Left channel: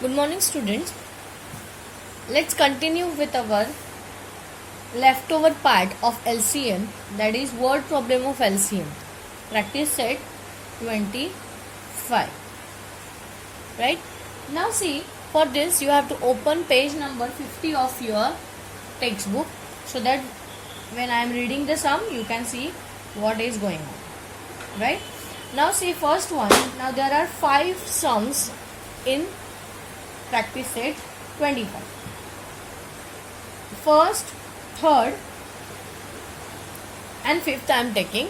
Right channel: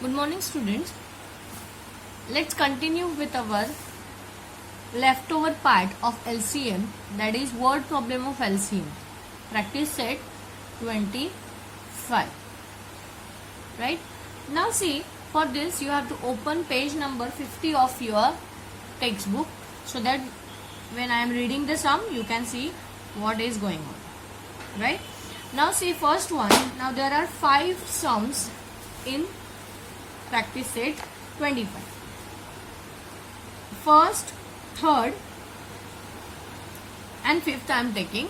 Good morning, students. Let's continue with our leftover part of LCM, that is word problem of LCM. Practice set 25. Right? Now see, for this you have to open page number 50 of your textbook so that when I am reading the sum you can see what is going on. Right? Now see first one. Now there are 5 sums in practice set 25. First, third and fifth I am taking.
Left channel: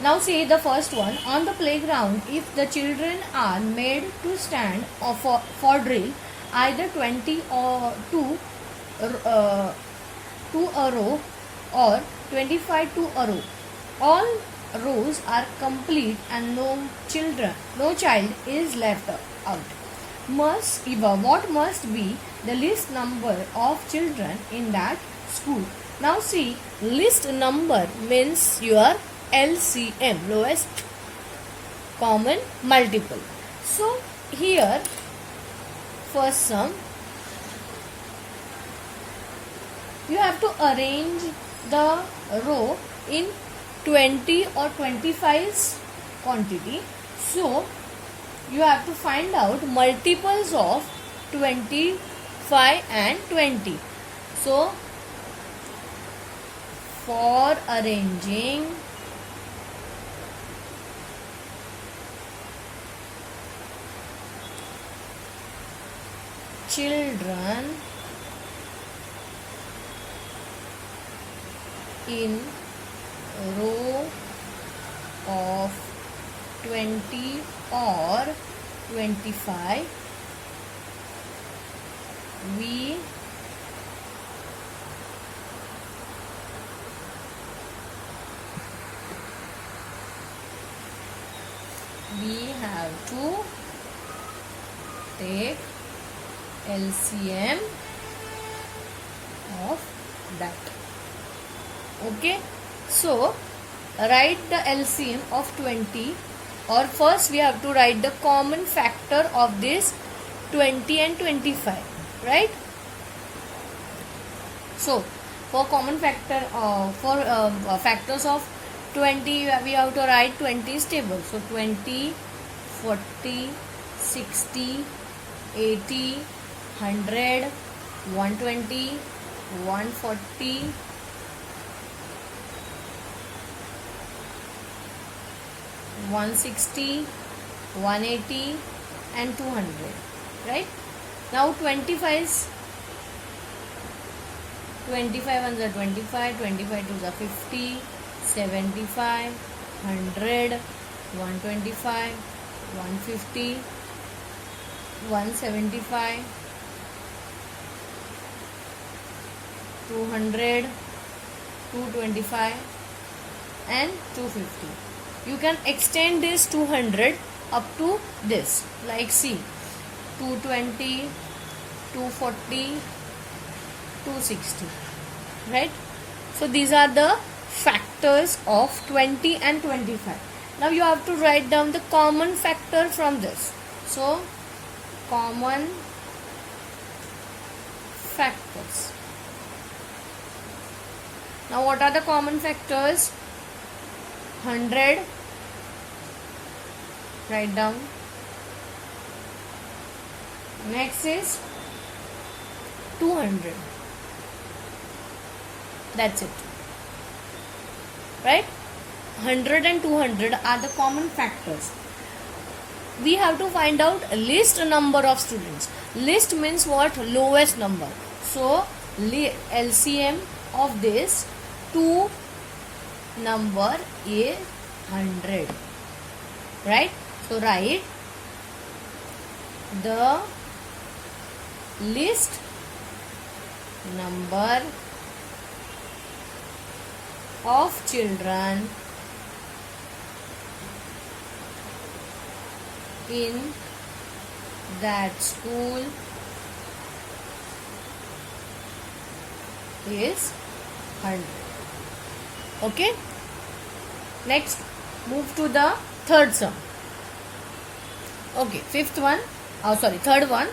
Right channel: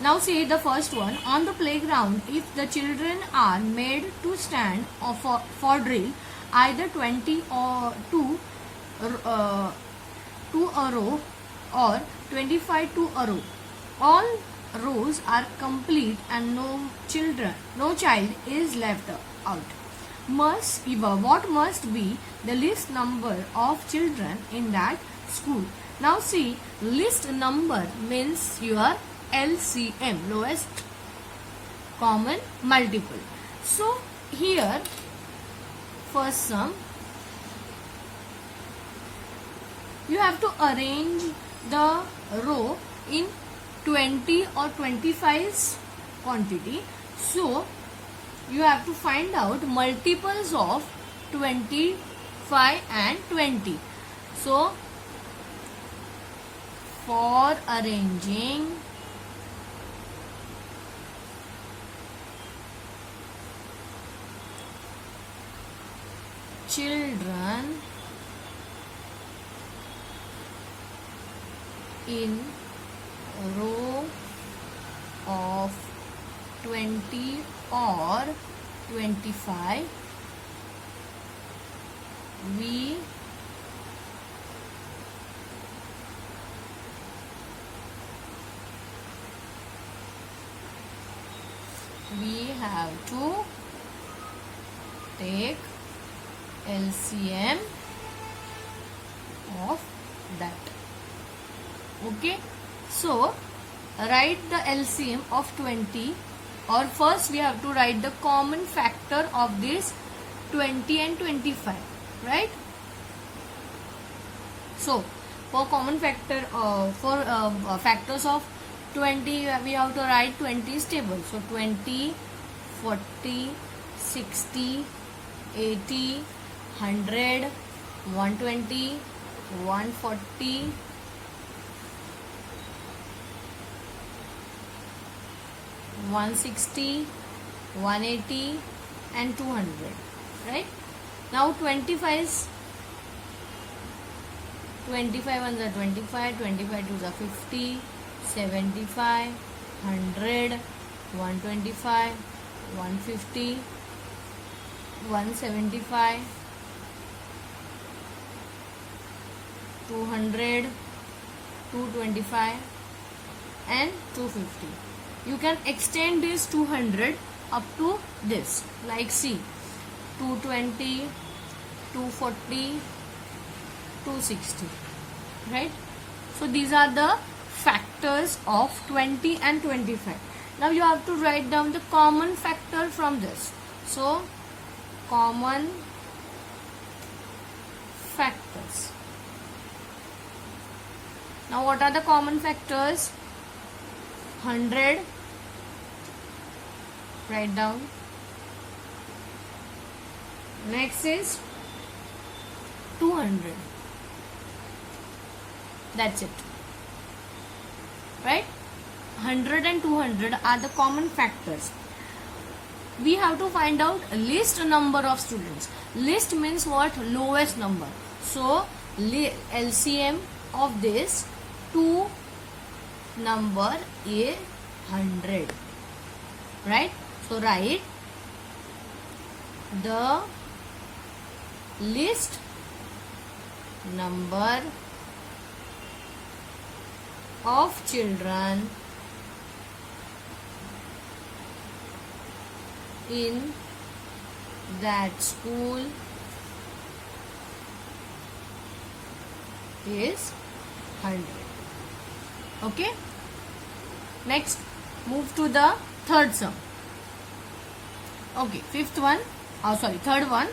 Now see the first one. On the playground, if the children are made to stand for drill, either 20 or 2 a row or 25 to a row, all rows are complete and no child is left out. What must be the least number of children in that school? Now see, least number means your LCM, lowest common multiple. So here first sum, you have to arrange the row in 20 or 25's quantity. So you have to find out multiples of 25 and 20. So for arranging children in row of 20 or 25, we have to take LCM of that. Okay, so write the LCM of 20, or first we have to write the common factor of this 20 and 25, right? So for common factor factors of 20, we have to write 20's table. So 20, 40, 60, 80, 100, 120, 140, 160, 180 and 200, right? Now 25 is 25 ones are 25, 25 twos are 50, 75, 100, 125, 150, 175, 200, 225 and 250. You can extend this 200 up to this, like see, 220, 240, 260, right? So these are the factors of 20 and 25. Now you have to write down the common factor from this. So common factors. Now what are the common factors? 100, write down. Next is 200. That's it, right? 100 and 200 are the common factors. We have to find out least number of students. Least means what? Lowest number. So LCM of this 2 number is 100, right? So write the least number of children in that school is 100. Okay. Next, move to the third sum. Okay, fifth one. Third one.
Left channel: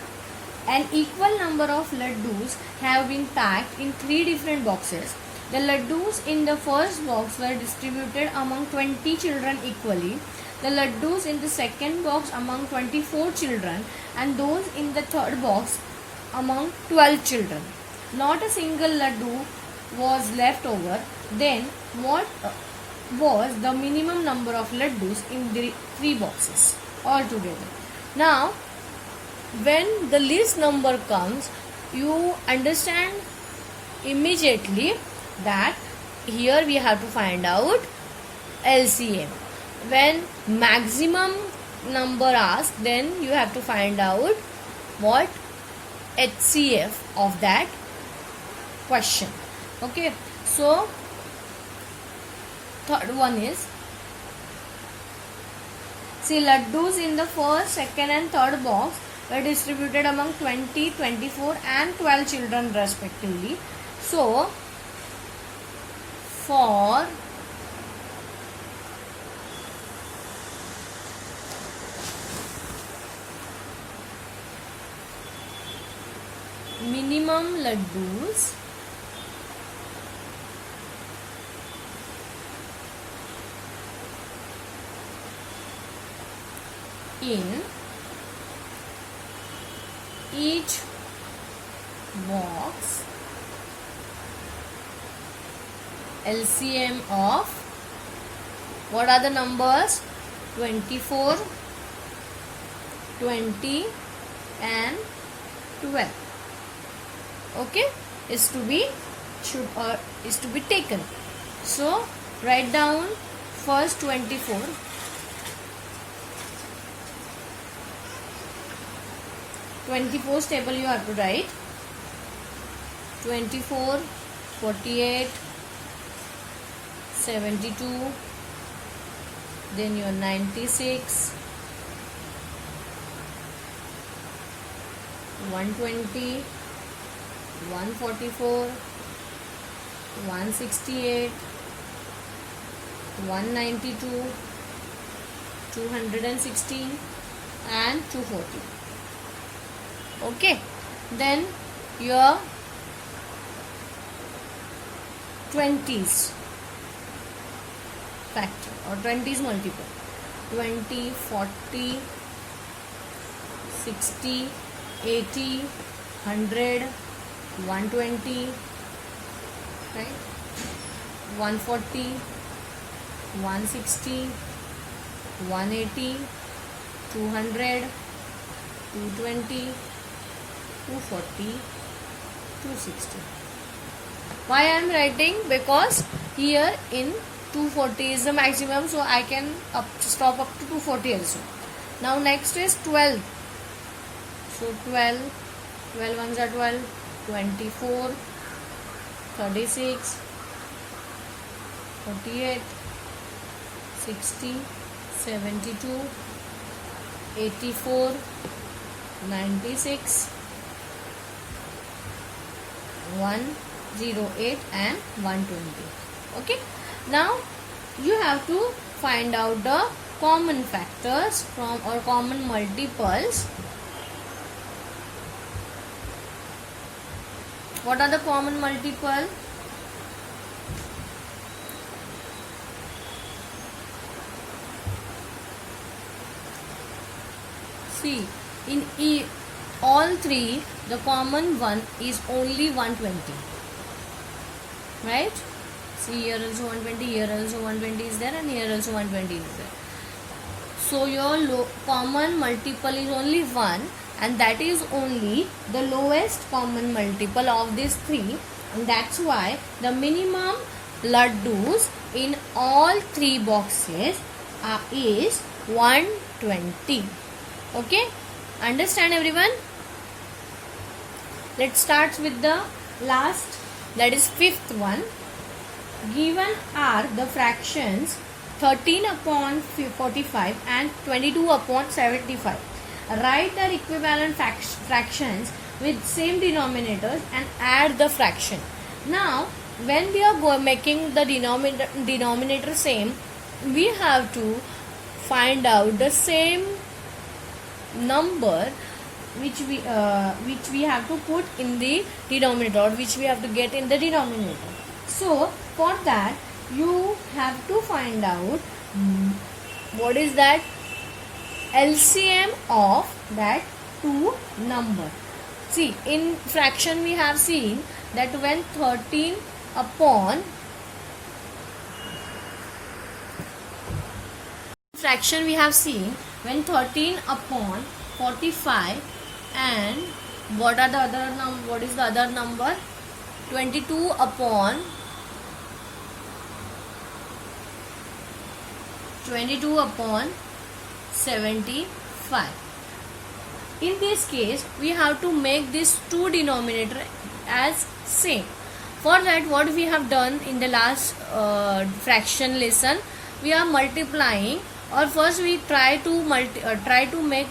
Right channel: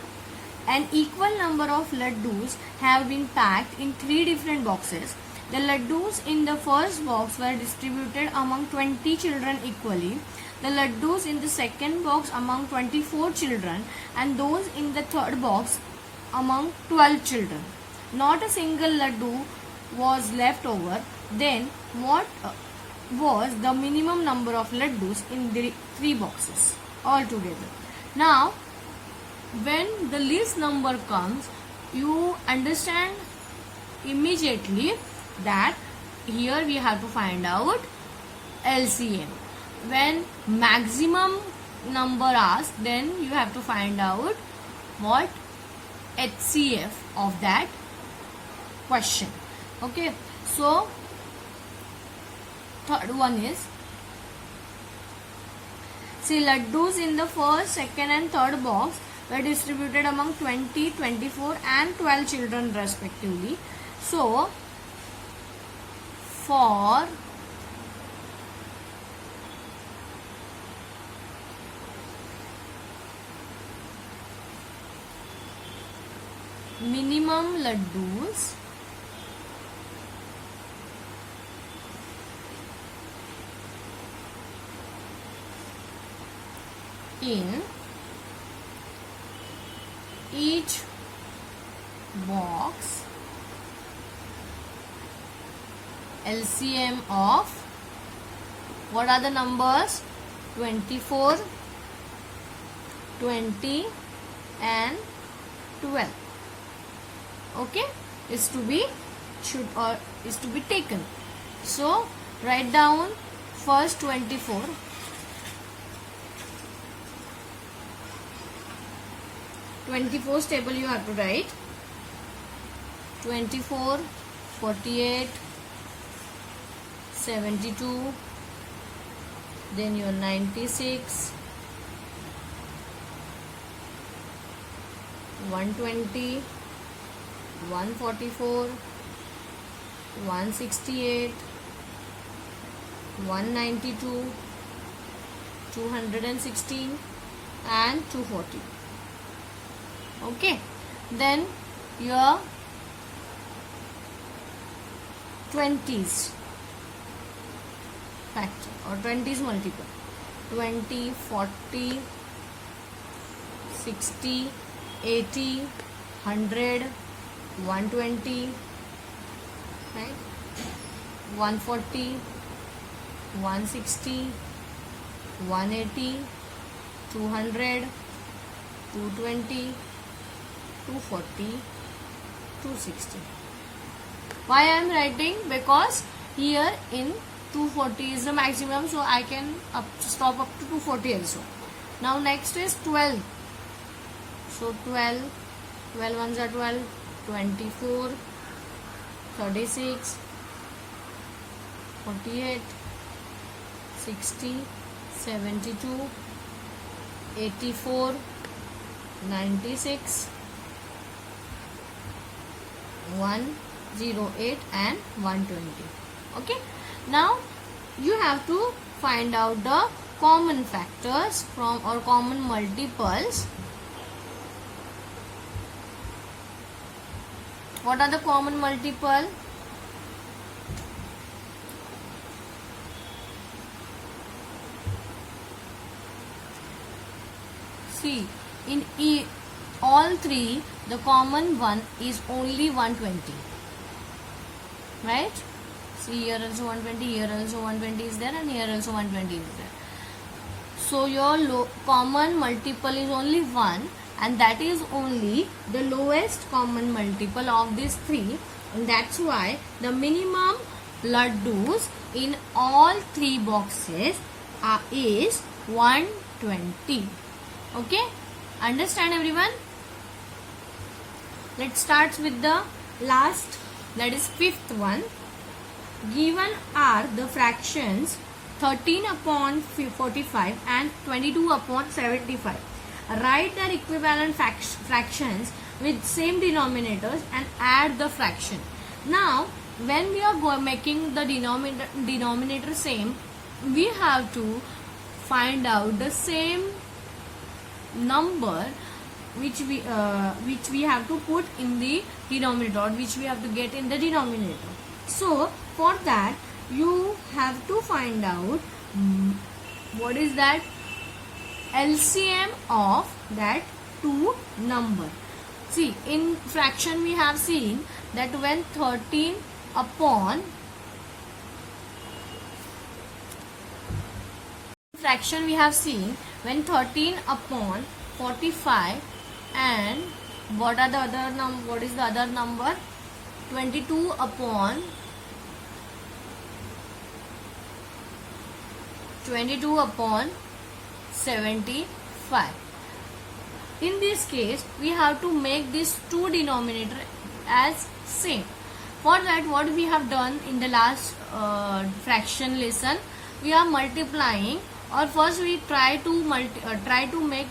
An equal number of laddus have been packed in 3 different boxes. The laddus in the first box were distributed among 20 children equally. The laddus in the second box among 24 children, and those in the third box among 12 children. Not a single laddu was left over. Then what was the minimum number of laddus in the 3 boxes altogether? Now, when the least number comes, you understand immediately that here we have to find out LCM. When maximum number asked, then you have to find out what HCF of that question. Okay, so third one is, see, laddus in the first, second and third box were distributed among 20, 24 and 12 children respectively. So, for minimum laddus in each box, LCM of what are the numbers? 24, 20 and 12. Okay, is to be taken. So write down first 24. 24's table you have to write. 24, 48, 72, then your 96, 120, 144, 168, 192, 216 and 240. Okay, then your 20s factor or 20s multiple. 20, 40, 60, 80, 100, 120, right? 140, 160, 180, 200, 220, 240, 260. Why I am writing? Because here in 240 is the maximum, so I can stop up to 240 also. Now next is 12. So 12 ones are 12, 24, 36, 48, 60, 72, 84, 96, 108 and 120. Okay, now you have to find out the common factors from or common multiples. What are the common multiple? See, in all three, the common one is only 120. Right? See, here also 120, here also 120 is there, and here also 120 is there. So your common multiple is only 1, and that is only the lowest common multiple of these three, and that's why the minimum laddus in all three boxes is 120. Okay, understand everyone? Let's start with the last, that is fifth one. Given are the fractions 13 upon 45 and 22 upon 75. Write their equivalent fractions with same denominators and add the fraction. Now, when we are making the denominator same, we have to find out the same number which we have to put in the denominator, or which we have to get in the denominator. So for that you have to find out what is that LCM of that two number. See, in fraction we have seen that when 13 upon fraction we have seen when 13 upon 45 and what is the other number, 22 upon 75. In this case we have to make this two denominator as same. For that, what we have done in the last fraction lesson, we are multiplying, or first we try to make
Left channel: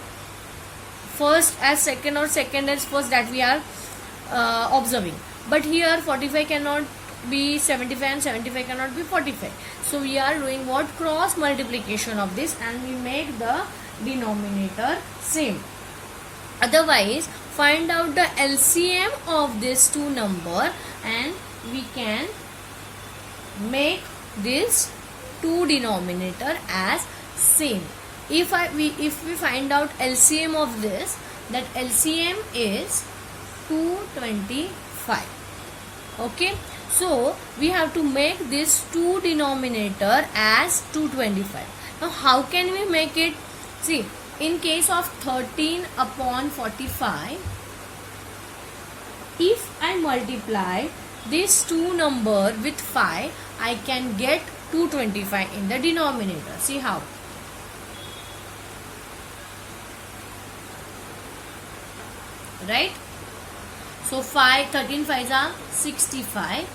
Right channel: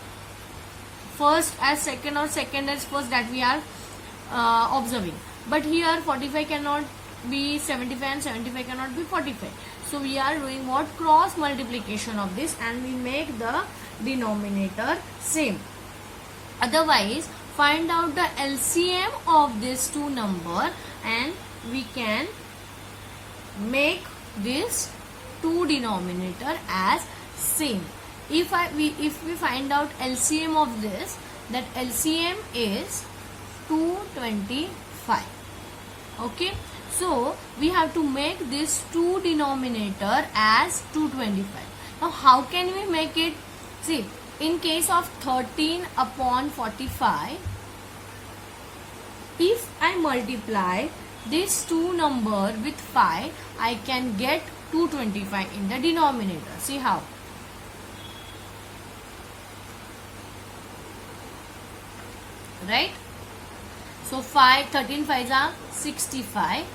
first as second or second as first, that we are observing. But here 45 cannot be 75 and 75 cannot be 45. So we are doing what? Cross multiplication of this, and we make the denominator same. Otherwise, find out the LCM of these two number and we can make this two denominator as same. If we find out LCM of this, that LCM is 225. Okay, so we have to make this two denominator as 225. Now how can we make it? See, in case of 13 upon 45, if I multiply this two number with 5, I can get 225 in the denominator. See how? Right? So 13 5s are 65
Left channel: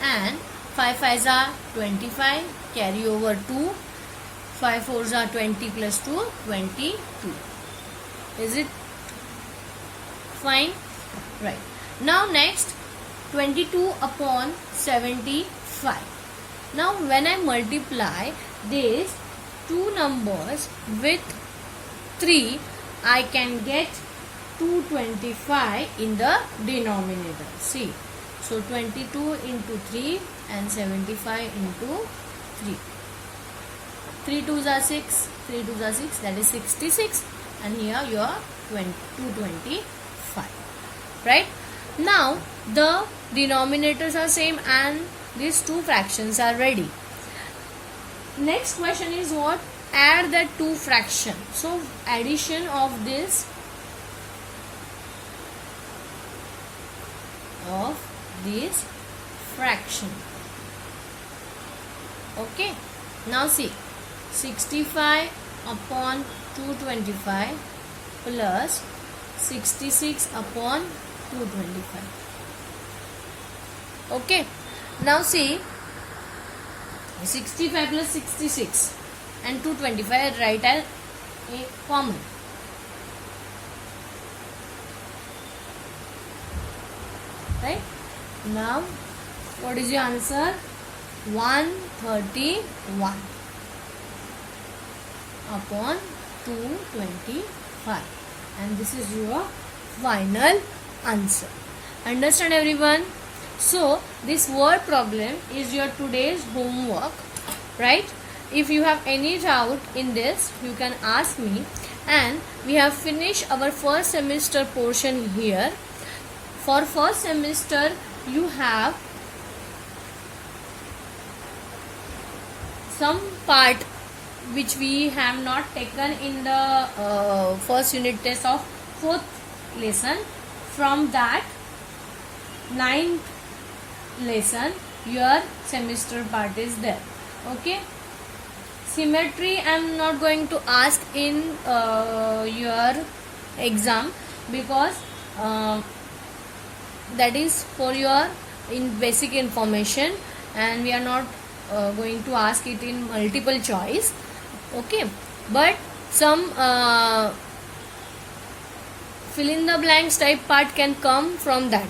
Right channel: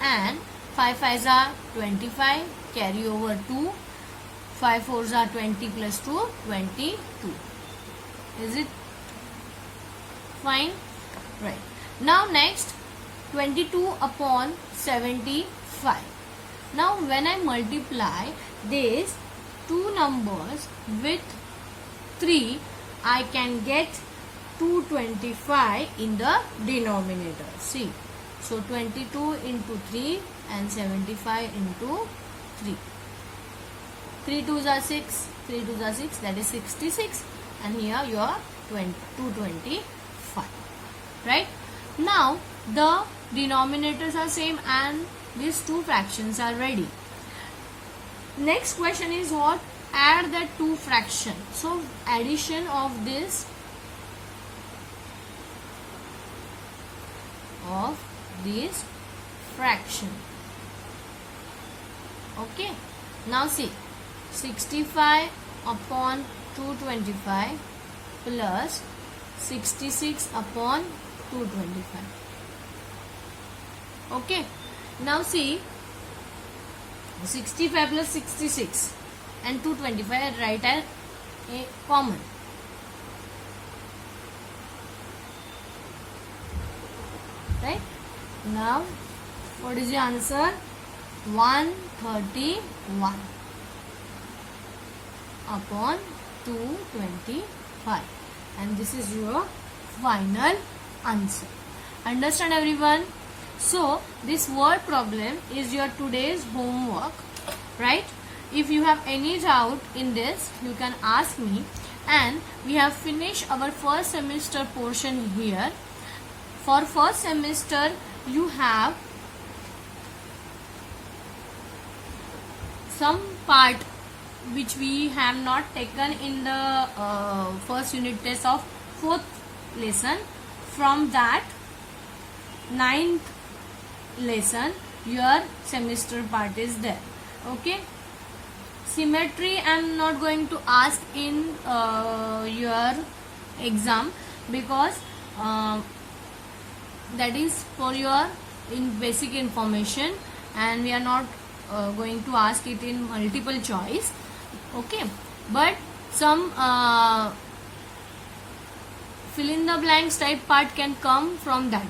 and 5 5s are 25, carry over 2, 5 4s are 20 plus 2, 22. Is it fine? Right. Now next, 22 upon 75. Now when I multiply these two numbers with 3, I can get 225 in the denominator. See, so 22 into 3 and 75 into 3. 3 2s are 6, 3 2s are 6, that is 66, and here you are 225. Right? Now the denominators are same and these two fractions are ready. Next question is what? Add the two fraction. So addition of this fraction. Okay, now see, 65 upon 225 plus 66 upon 225. Okay, now see, 65 plus 66 and 225 write as a common. Right? Now what is your answer? 131 upon 225, and this is your final answer. Understand everyone? So this word problem is your today's homework, right? If you have any doubt in this, you can ask me. And we have finished our first semester portion here. For first semester you have some part which we have not taken in the first unit test of fourth lesson. From that 9th lesson your semester part is there. Okay, symmetry I am not going to ask in your exam, because that is for your in basic information, and we are not going to ask it in multiple choice. Okay, but some fill in the blanks type part can come from that.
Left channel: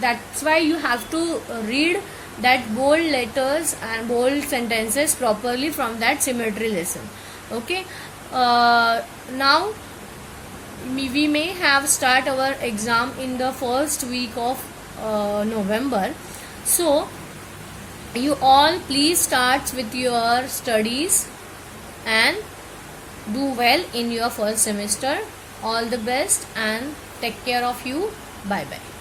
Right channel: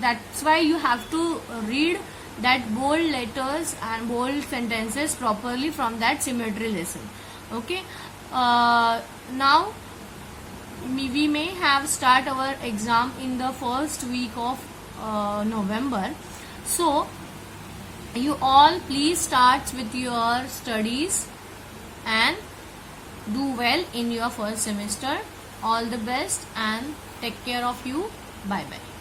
That's why you have to read that bold letters and bold sentences properly from that symmetry lesson. Okay, now we may have start our exam in the first week of November. So you all please start with your studies and do well in your first semester. All the best and take care of you. Bye bye.